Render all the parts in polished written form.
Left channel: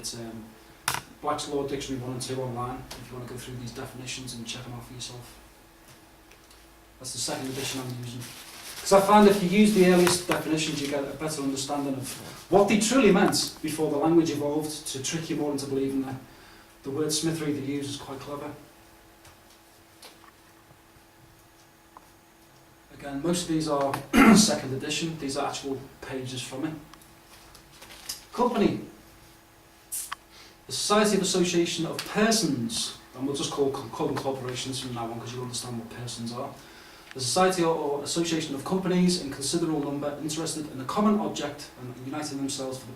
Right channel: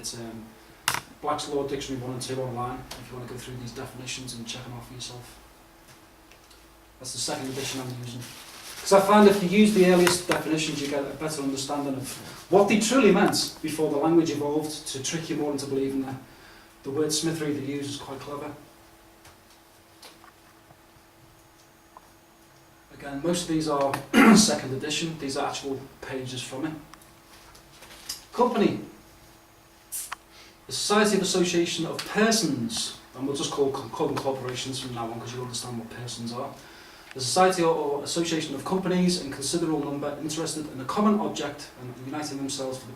It's Black's Law Dictionary 1 and 2 online, if you want to go through these definitions and check them out for yourself. That's the second edition I'm using. Because I find if you use the earliest definitions, you get a better understanding of what they truly meant before the language evolved to trick you more into believing that the wordsmithery they use is quite clever. Again, most of these are second edition. These are actual pages from it. Company. The Society of Association of Persons, and we'll just call them corporations from now on because you'll understand what persons are. The Society or Association of Companies in considerable number interested in a common object and uniting themselves for the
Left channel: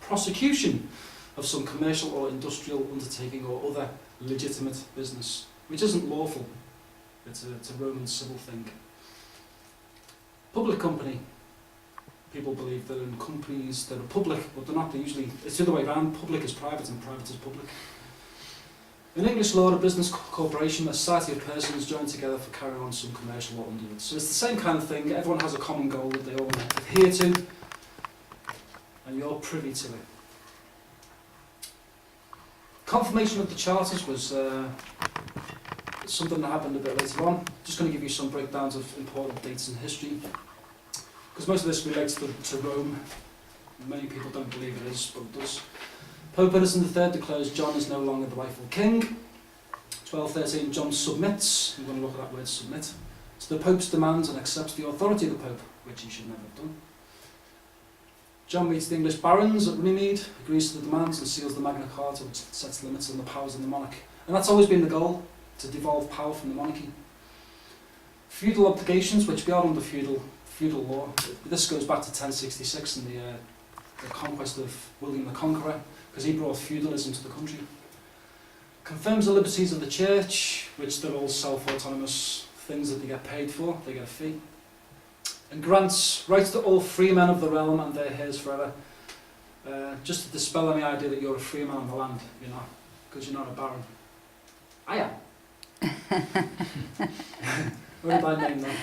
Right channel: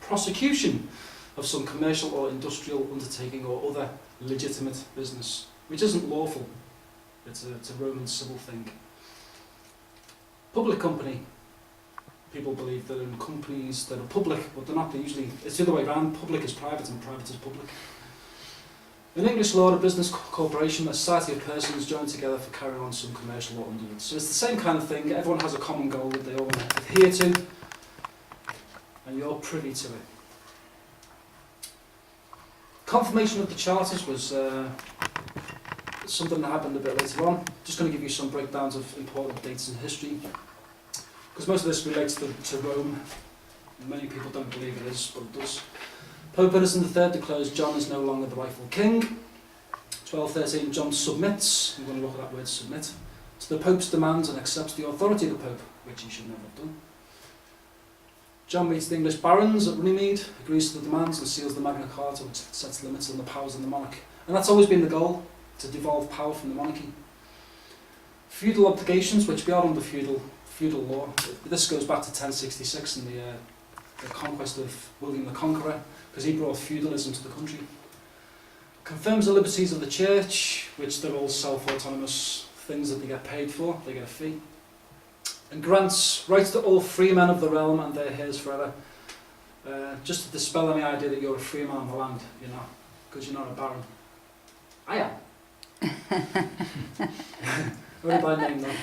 prosecution of some commercial or industrial undertaking or other legitimate business, which isn't lawful. It's a Roman civil thing. Public company. People believe that in companies that are public, but they're not. They're usually, it's the other way around. Public is private and private is public. In English law, a business corporation, a society of persons joined together for carrying on some commercial or underwood. So it's the same kind of thing. Everyone has a common goal that they all adhere to, and you're privy to it. Confirmation of the charters was something that happened a bit later on. Just going to give you some breakdowns of important dates in history, because most of this relates to Rome. Many people don't believe it is, but it does. Pope Innocent III declares John is no longer the rightful king. 1213, John submits, I'm going to look at that word submit, to the Pope's demands and accepts the authority of the Pope, which he should never have done. John meets the English barons at Runnymede, agrees to the demands and seals the Magna Carta, which sets limits on the powers of the monarch. And that's always been the goal, to devolve power from the monarchy. Feudal obligations, which we are under feudal law. This goes back to 1066 and the conquest of William the Conqueror, because he brought feudalism to the country. Confirms the liberties of the church, which they're all self-autonomous things that they get paid for, they get a fee. And grants rights to all free men of the realm and their heirs forever. Just to dispel any idea that you're a free man on the land, you're not, because you're not a baron. I am. Only by name though.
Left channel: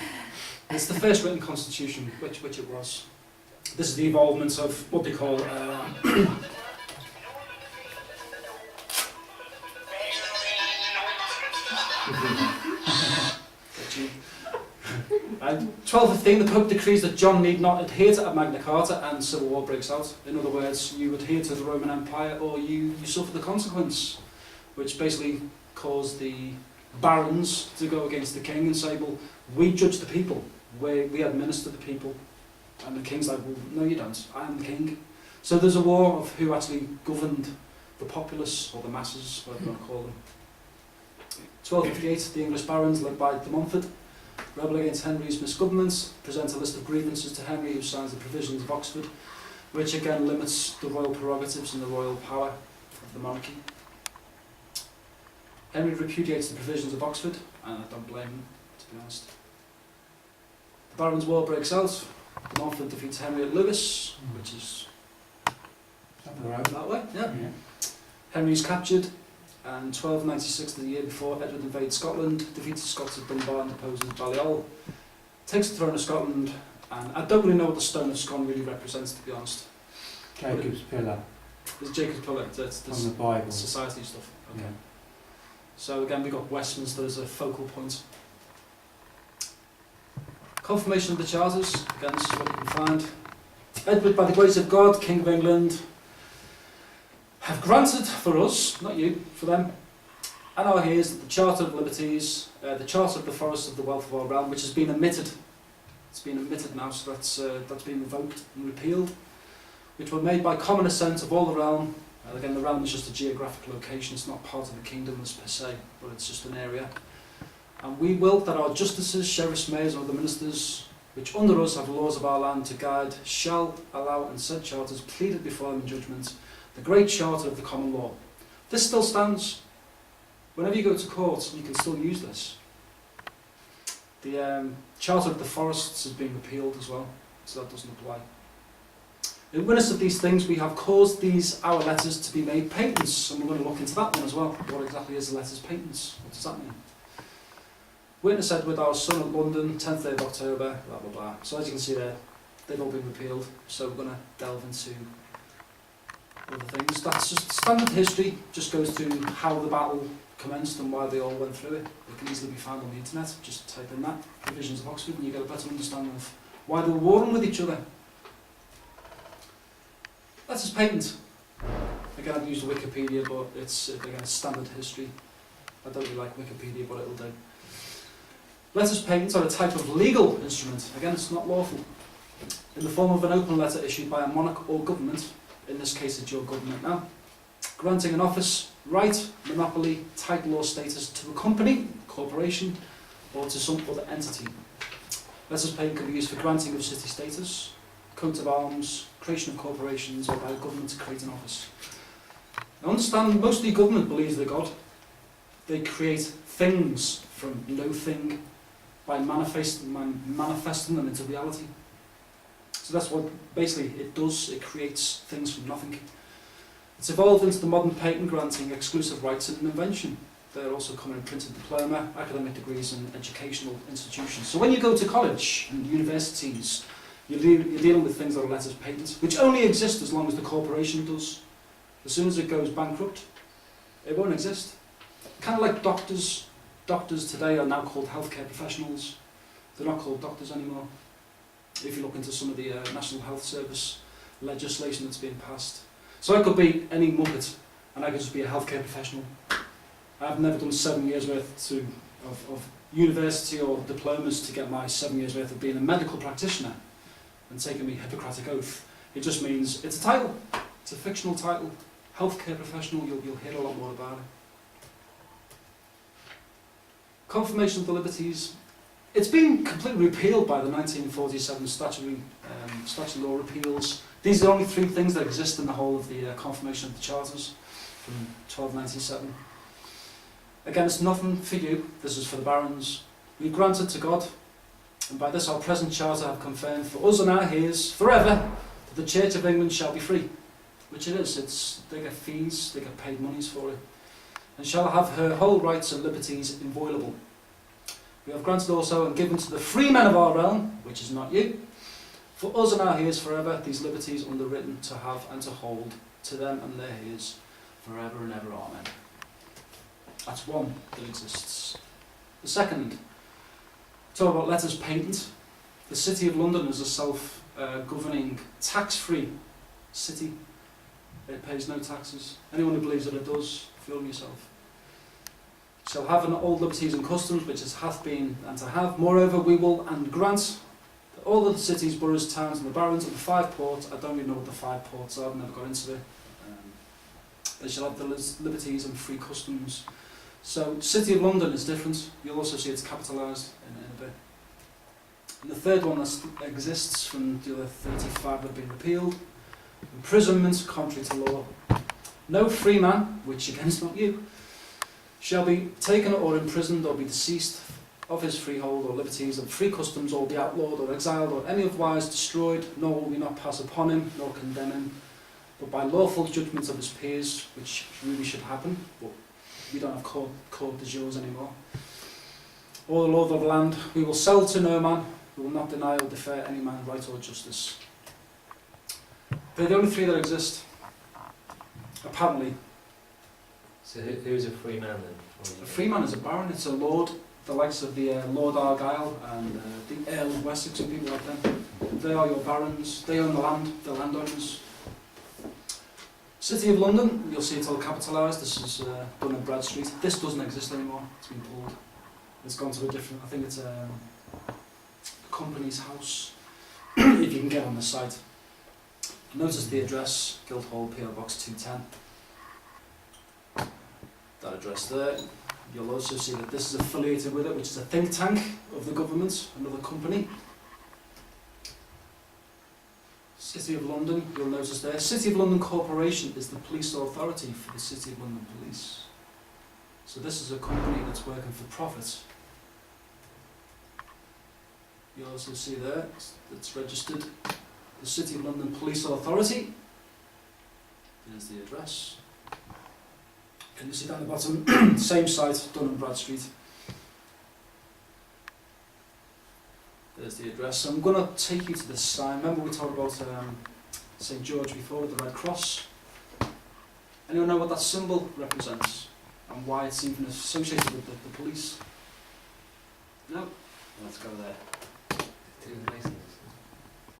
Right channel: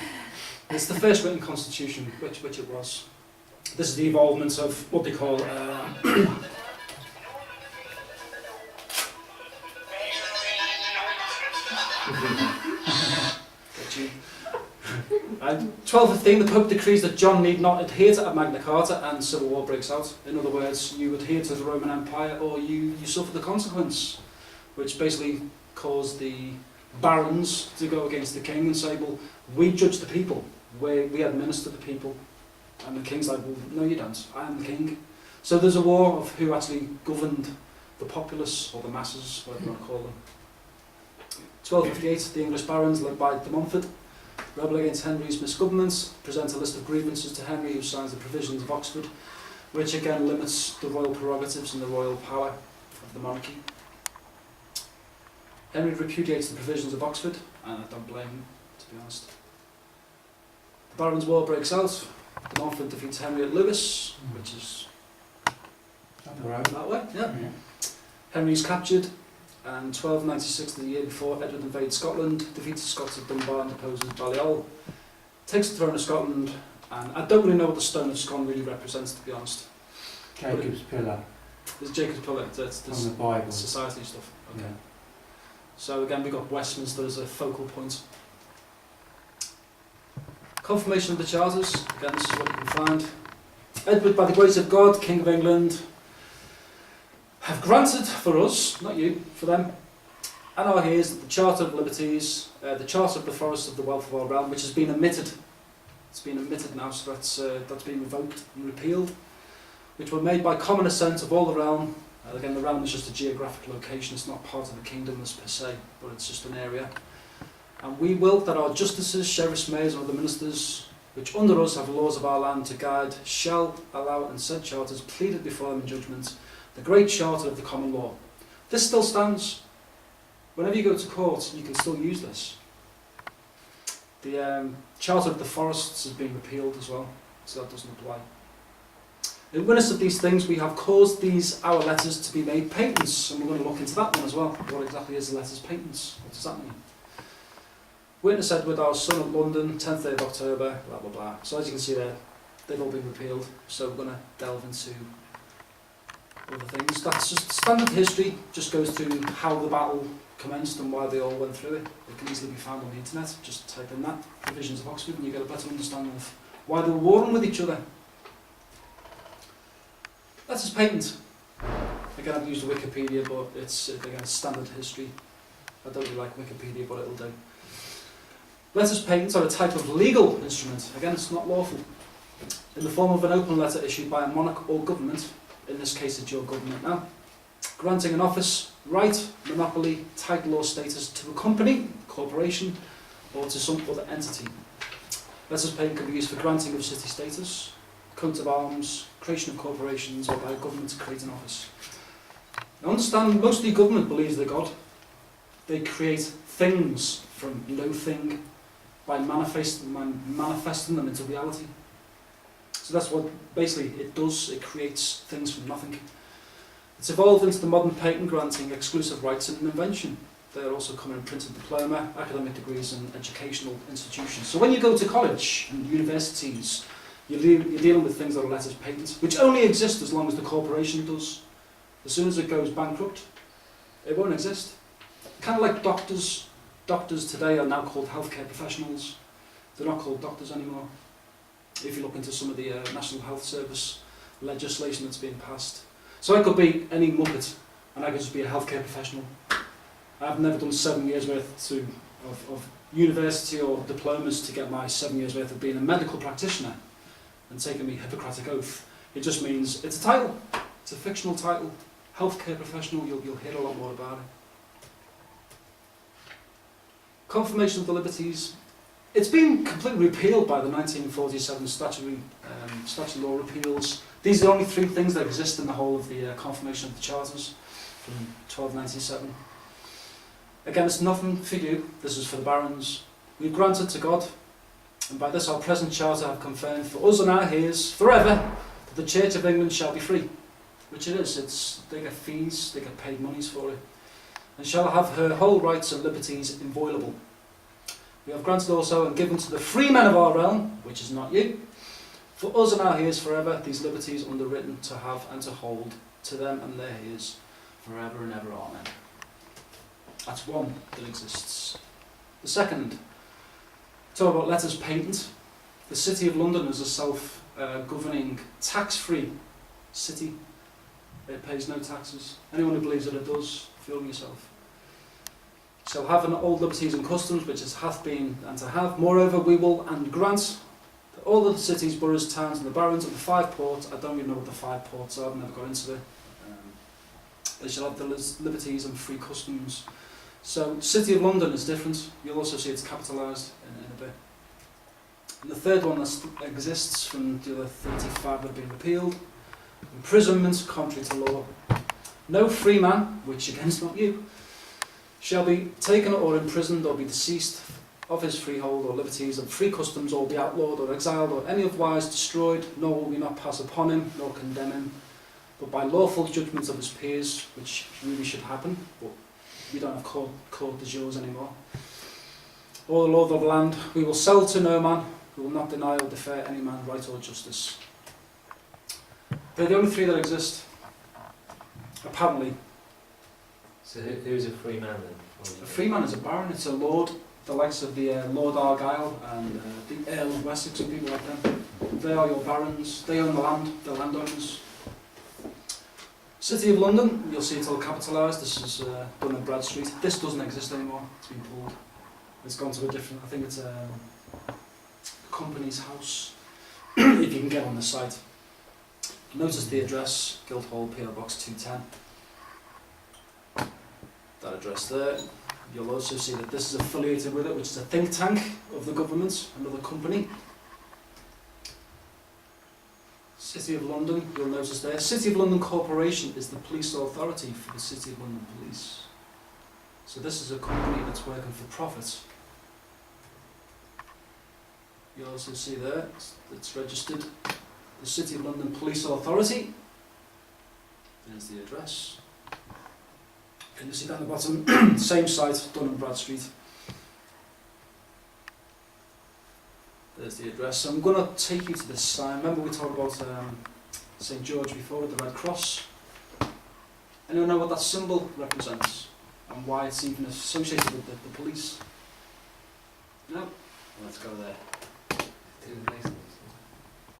It's the first written constitution, which it was. This is the evolvement of what they call 1215, the Pope decrees that John need not adhere to Magna Carta and civil war breaks out. In other words, you adhere to the Roman Empire or you suffer the consequence, which basically caused the barons to go against the king and say, well, we judge the people, we administer the people. And the king's like, well, no you don't, I am the king. So there's a war of who actually governed the populace, or the masses, whatever you want to call them. 1258, the English barons, led by de Montfort, rebel against Henry's misgovernment, present a list of grievances to Henry, who signs the provisions of Oxford, which again limits the royal prerogatives and the royal power of the monarchy. Henry repudiates the provisions of Oxford, and I don't blame him, to be honest. The Barons' War breaks out. De Montfort defeats Henry at Lewes, which is that way. Yeah. Henry's captured, and 1296, the year before, Edward invades Scotland, defeats the Scots at Dunbar and deposes Balliol, takes the throne of Scotland, and I don't really know what the Stone of Scone really represents, to be honest. Jacob's Pillar. There's Jacob's Pillar, that's from the Bible. Society stuff. Okay. Yeah. So again, we got Westminster as a focal point. Confirmation of the Charters, again this is what you can find. Edward, by the grace of God, King of England, have granted for us, not you, for them, and our heirs, the Charter of Liberties, the Charter of the Forests of the Wealth of our Realm, which has been omitted. It's been omitted now, so that's been revoked and repealed, which were made by common assent of all the realm. Again, the realm is just a geographic location, it's not part of the kingdom as per se, but it's just an area. And we will that our justices, sheriffs, mayors, and other ministers, which under us have laws of our land to guide, shall allow and said charters pleaded before them in judgment, the great charter of the common law. This still stands. Whenever you go to court, you can still use this. The Charter of the Forests has been repealed as well, so that doesn't apply. In witness of these things, we have caused these our letters to be made patents, and we're going to look into that one as well. What exactly is the letters patents? What does that mean? Witness Edward, our son of London, 10th day of October, blah blah blah. So as you can see there, they've all been repealed, so we're going to delve into other things. That's just standard history, just goes through how the battle commenced and why they all went through it. It can easily be found on the internet. Just type in that, Provisions of Oxford, and you get a better understanding of why they were warring with each other. Letters patent. Again, I've used Wikipedia, but it's again standard history. I don't really like Wikipedia, but it'll do. Letters patent are a type of legal instrument. Again, it's not lawful. In the form of an open letter issued by a monarch or government, in this case it's your government now, granting an office, right, monopoly, title or status to a company, corporation, or to some other entity. Letters patent can be used for granting of city status, coat of arms, creation of corporations, or by a government to create an office. Now understand, mostly government believes they're God. They create things from no thing by manifesting them into reality. So that's what basically it does. It creates things from nothing. It's evolved into the modern patent granting exclusive rights in an invention. They're also common in printed diploma, academic degrees and educational institutions. So when you go to college and universities, you're dealing with things that are letters patent, which only exist as long as the corporation does. As soon as it goes bankrupt, it won't exist. Kind of like doctors. Doctors today are now called healthcare professionals. They're not called doctors anymore. If you look into some of the National Health Service legislation that's being passed. So I could be any muppet and I could just be a healthcare professional. I've never done 7 years worth of university or diplomas to get my 7 years worth of being a medical practitioner and taking me Hippocratic oath. It just means it's a title. It's a fictional title. Healthcare professional, you'll hear a lot more about it. Confirmation of the liberties. It's been completely repealed by the 1947 statutory law repeals. These are the only 3 things that exist in the whole of the confirmation of the charters from 1297. Again, it's nothing for you. This is for the barons. We granted to God, and by this our present charter have confirmed for us and our heirs forever that the Church of England shall be free. Which it is. They get fees, they get paid monies for it. And shall have her whole rights and liberties inviolable. We have granted also and given to the free men of our realm, which is not you, for us and our heirs forever, these liberties underwritten to have and to hold to them and their heirs forever and ever. Amen. That's one that exists. The second, talk about letters patent. The City of London is a self-governing, tax-free city. It pays no taxes. Anyone who believes that it does, fool yourself. Shall have an old liberties and customs, which as hath been and to have. Moreover, we will and grant that all of the cities, boroughs, towns, and the barons of the 5 ports, I don't even know what the 5 ports are, I've never got into it. They shall have the liberties and free customs. So, City of London is different. You'll also see it's capitalised in a bit. And the third one that exists from the other 35 that have been repealed. Imprisonment contrary to law. No free man, which again is not you, shall be taken or imprisoned or be deceased of his freehold or liberties and free customs, or be outlawed or exiled or any otherwise destroyed, nor will we not pass upon him nor condemn him, but by lawful judgments of his peers, which really should happen, but we don't have court de jours anymore. Or the law of the land, we will sell to no man, we will not deny or defer any man right or justice. They're the only 3 that exist, apparently. So who's a free man then? A free man is a baron, it's a lord, the likes of the Lord Argyle and the Earl of Wessex and people like them. They are your barons, they own the land, they're landowners. City of London, you'll see it's all capitalised. This is done in Brad Street. This doesn't exist anymore, it's been pulled. It's gone to a different, I think it's a company's house, if you can get on the site. Notice the address, Guildhall, PO Box 210. That address there. You'll also see that this is affiliated with it, which is a think tank of the government, another company. City of London, you'll notice there. City of London Corporation is the police authority for the City of London Police. So this is a company that's working for profit. You'll also see there, it's registered. The City of London Police Authority. There's the address. Can you see down the bottom? Same site, done in Brad Street. There's the address. So I'm going to take you to this sign. Remember we talked about St George before with the Red Cross? Anyone know what that symbol represents and why it's even associated with the police? No? Let's go there. To do with Masons.